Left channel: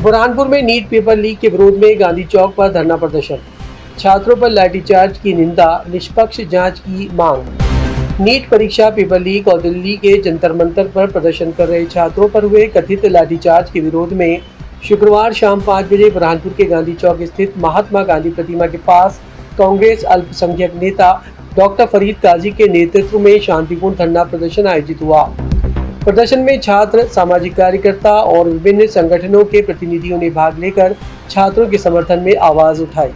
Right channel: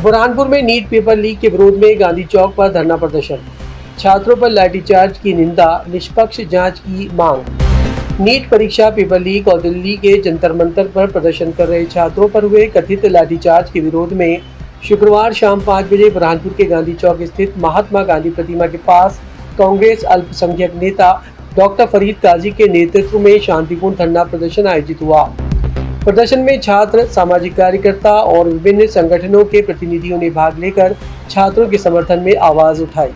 बुरहानपुर में NEET paper leak के विरोध में गांधी चौक पर धरना प्रदर्शन। छात्रों पर लाठीचार्ज की निंदा, निष्पक्ष जांच की मांग। नीट परीक्षा पेपर लीक और दिल्ली के जंतर मंतर पर प्रदर्शन कर रहे छात्रों पर हुए कथित लाठीचार्ज के विरोध में शुक्रवार शाम 5 बजे बुरहानपुर के गांधी चौक स्थित महात्मा गांधी प्रतिमा के पास कांग्रेस अल्पसंख्यक नेता डॉक्टर फरीद काजी के नेतृत्व में शांतिपूर्ण धरना प्रदर्शन आयोजित हुआ। प्रदर्शन में छात्र, सामाजिक कार्यकर्ता और विभिन्न संगठनों के प्रतिनिधियों ने भाग लेकर छात्रों के समर्थन में आवाज उठाई।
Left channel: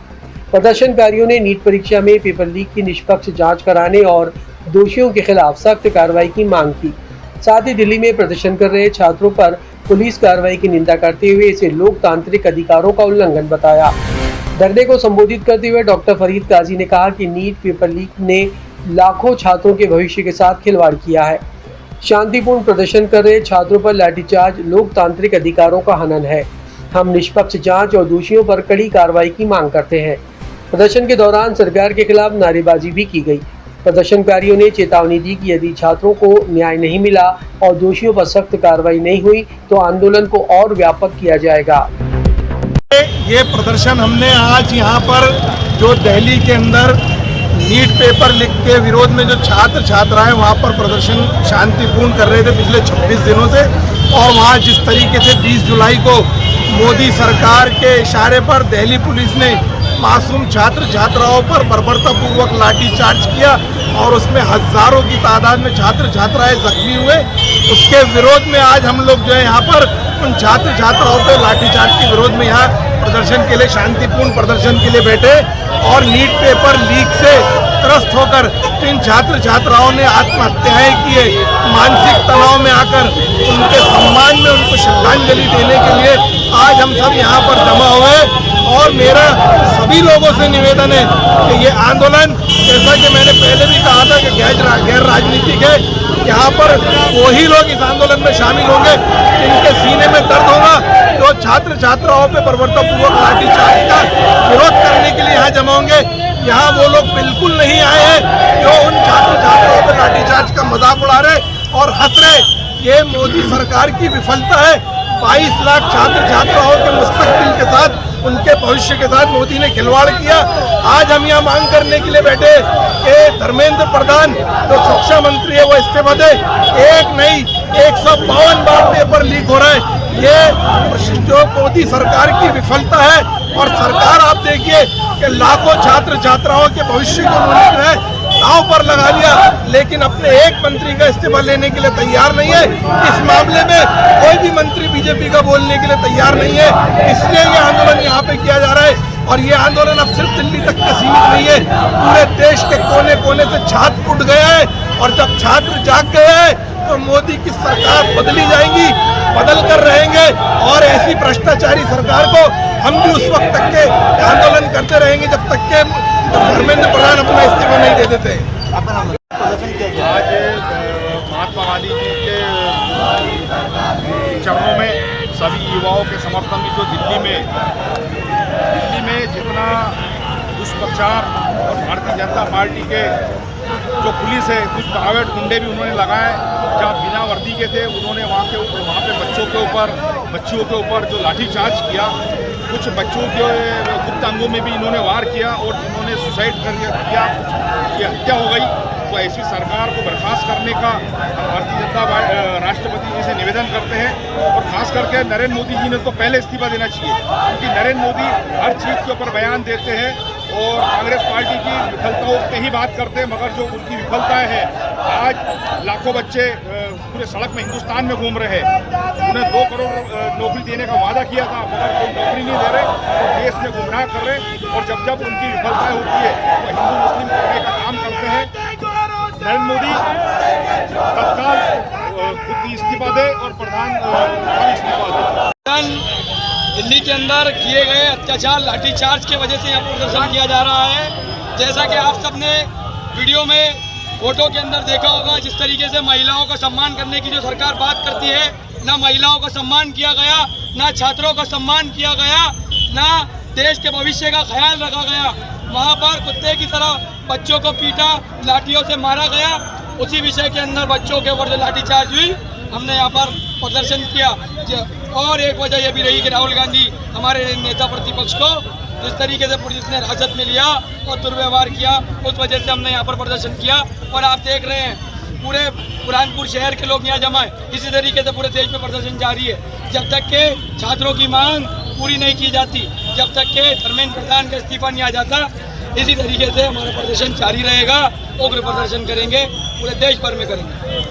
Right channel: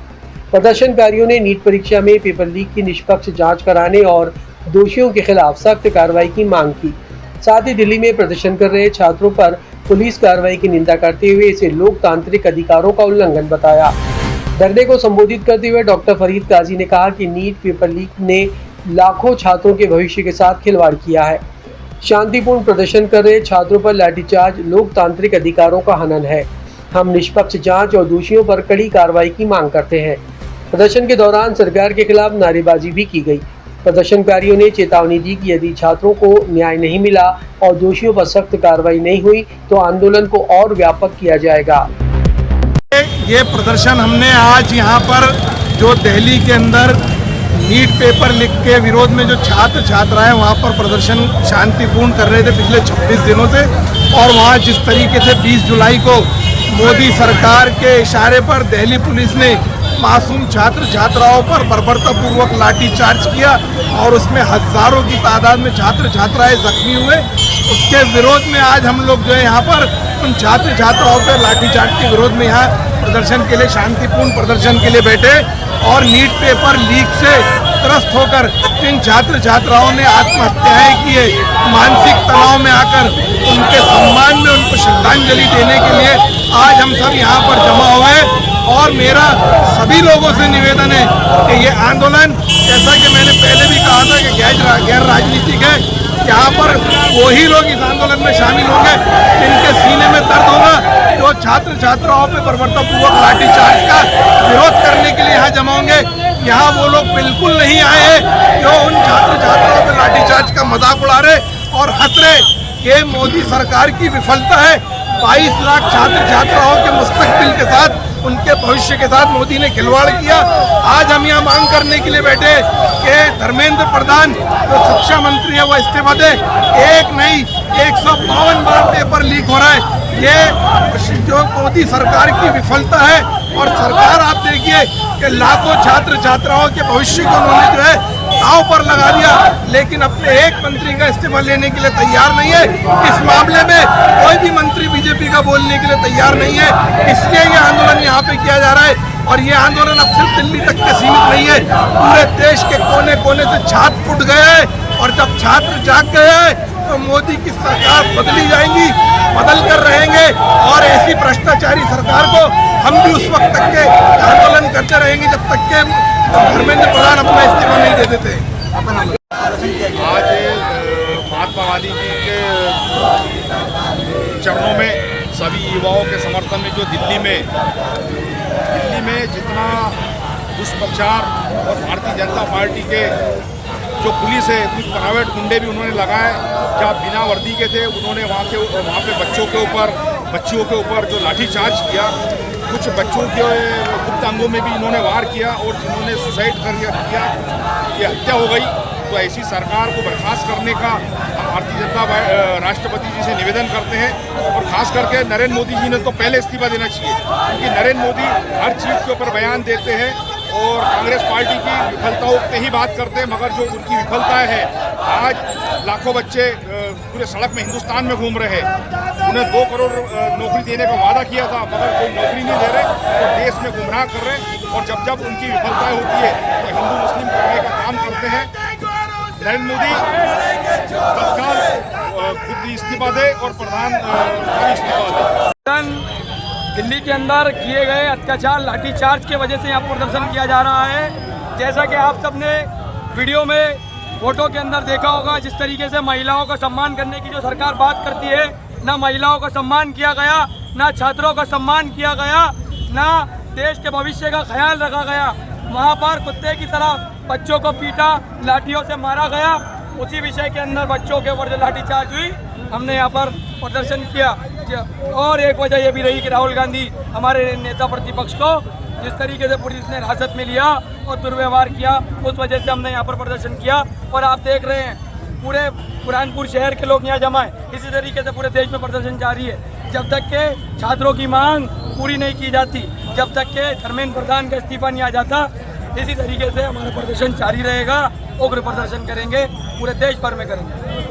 प्रदर्शनकारियों ने नीट परीक्षा में पेपर लीक की निष्पक्ष जांच कराने और दोषियों के खिलाफ सख्त कार्रवाई की मांग की। साथ ही दिल्ली में प्रदर्शन कर रहे छात्रों पर पुलिस कार्रवाई की निंदा करते हुए इसे लोकतांत्रिक अधिकारों का उल्लंघन बताया। धरने को संबोधित करते हुए डॉक्टर फरीद काजी ने कहा कि नीट पेपर लीक ने लाखों छात्रों के भविष्य के साथ खिलवाड़ किया है। शांतिपूर्ण प्रदर्शन कर रहे छात्रों पर लाठीचार्ज लोकतांत्रिक अधिकारों का हनन है। हम निष्पक्ष जांच और दोषियों पर कड़ी कार्रवाई की मांग करते हैं। प्रदर्शन के दौरान सरकार के खिलाफ नारेबाजी भी की गई। प्रदर्शनकारियों ने चेतावनी दी कि यदि छात्रों को न्याय नहीं मिला और दोषियों पर सख्त कार्रवाई नहीं हुई तो आंदोलन को और व्यापक किया जाएगा। ये प्रदर्शन हमने आज यहाँ पर जो दिल्ली के अंदर नीट पेपर लीक के विरोध में जो छात्र छात्राएं वहाँ पर प्रदर्शन शांतिपूर्ण कर रहे थे पिछले 26 दिनों से, और वहाँ जिस तरीके से 20 जुलाई को मोदी सरकार के इशारे पर दिल्ली पुलिस ने मासूम छात्र छात्राओं पर बर्बरतापूर्वक लाठीचार्ज किया और उसमें हजारों की तादाद में छात्र छात्राएं जख्मी हुए, उसके विरोध में आज हम लोग जो है यहाँ पर उन छात्र छात्राओं पर लाठीचार्ज के विरोध में यहाँ प्रदर्शन के लिए, शांतिपूर्ण प्रदर्शन के लिए बैठे। और नीट पेपर लीक से त्रस्त होकर जिन छात्र छात्राओं ने आत्महत्याएं की है, मानसिक तनाव में आकर उनके सम्मान में उनको श्रद्धांजलि देने के लिए आज हम सब यहाँ पर जमा हुए। और मेरा सभी लोगों से निवेदन है कि ये आंदोलन, जैसा कि मैंने पहले भी कहा था कि गैर राजनीतिक है, यहाँ पर वही लोग इस आंदोलन में शामिल होंगे जिनके सीने में दर्द होगा, जो छात्र छात्राओं पे बर्बरतापूर्वक लाठीचार्ज का विरोध करने के लिए यहाँ जमा होंगे। यहाँ वो लोग बिल्कुल नहीं आए हैं जो उन छात्र छात्राओं पे लाठीचार्ज का मजाक उड़ा रहे और हंस रहे। ये मोदी सरकार की विफलता है। 22 लाख छात्र छात्राओं के मुस्तकबिल के साथ, उनके भविष्य के साथ मोदी ने खिलवाड़ किया। आज हम यहाँ मांग करने के लिए बैठे कि धर्मेंद्र प्रधान जो शिक्षा मंत्री है वो इस्तीफा दे। एक नहीं 152 बार पेपर लीक हो रहा है। ये जो मोदी सरकार की विफलता है। और सरकार आप देखिए कि लाखों छात्र छात्राओं के भविष्य को उन्होंने जो है दांव पर लगा लिया, लेकिन अपने एक मंत्री का इस्तीफा लेने के लिए तैयार नहीं है। इस मामले में कोई भी मंत्री बीजेपी का बोलने के लिए तैयार नहीं है। इसलिए ये आंदोलन यहाँ पे किया जा रहा है। और ये आंदोलन अब सिर्फ दिल्ली तक के सीमित नहीं है, पूरे देश के कोने कोने से छात्र उठ गए हैं। और जब छात्र जाग गए हैं तो मोदी की सरकार बदली जाएगी, बदल कर रहेंगे। और ऐसी भ्रष्टाचारी सरकार को हम भी उस वक्त तक के आंदोलन करते रहेंगे जब तक के धर्मेंद्र प्रधान अपना इस्तीफा नहीं दे देते। आज महात्मा गांधी जी के चरणों में सभी युवाओं के समर्थन में जो दिल्ली में जितना दुष्प्रचार और भारतीय जनता पार्टी के जो पुलिस है, कुछ प्राइवेट गुंडे भी उन्होंने लगाए जहाँ बिना वर्दी के थे, उन्होंने वहाँ पे बच्चियों के ऊपर जो लाठीचार्ज किया, कुछ बच्चों के गुप्त अंगों में भी इन्होंने वार किया और जिन्होंने सुसाइड किया, कुछ की हत्या हो गई। तो ऐसी सरकार को बर्खास्त करने का हम भारतीय जनता राष्ट्रपति जी से निवेदन करते हैं। और खास करके नरेंद्र मोदी जी ने तो पहले इस्तीफा देना चाहिए, क्योंकि नरेंद्र मोदी हर चीज़ के ऊपर बयान देते हैं और कांग्रेस पार्टी की विफलताओं पे ही बात करते हैं, मगर जो उनकी विफलताएं हैं, आज लाखों बच्चे पूरे सड़क में हिंदुस्तान में घूम रहे हैं। उन्हें 2 करोड़ नौकरी देने का वादा किया था, मगर कोई नौकरी नहीं दे रहे और देश में गुमराह कर रहे। और जब उनकी विफलताएं होती है तो हिंदू मुस्लिम करने का काम करते हैं। नरेंद्र मोदी तत्काल खुद इस्तीफा दे और प्रधान का भी इस्तीफा दे। दिल्ली के अंदर किए गए अत्याचार, लाठीचार्ज की वजह से यहाँ प्रदर्शन किया जा रहा है। जैसा कि आप सबने वीडियो में, फोटो के अंदर देखा होगा, जिस तरीके से महिलाओं का सम्मान करने की जो सरकार बात करती है, ना महिलाओं का सम्मान किया गया, ना छात्रों का सम्मान किया गया, ना देश के भविष्य का ख्याल रखा गया। वहाँ पर कुत्ते की तरह बच्चों को पीटा, लाठियों से मारा गया। उसी विषय के अंदर बच्चों के ऊपर जो लाठीचार्ज हुई, हमने यहाँ पर प्रदर्शन किया। और एक वजह ये भी रही कि राहुल गांधी हमारे नेता प्रतिपक्ष को जिस तरीके से पुलिस ने हिरासत में लिया और दुर्व्यवहार किया, उस वजह से हमने यहाँ पर प्रदर्शन किया। और आप देख रहे हैं पूरे बुरहानपुर शहर के लोग यहाँ जमा है। इसी तरीके से पूरे देश में प्रदर्शन जारी है। जब तक के छात्रों की मांग पूरी नहीं की जाती, जब तक के धर्मेंद्र प्रधान का इस्तीफा नहीं आ जाता, इसी तरीके से हमारा प्रदर्शन जारी रहेगा। उग्र प्रदर्शन करेंगे, पूरे देश भर में करेंगे।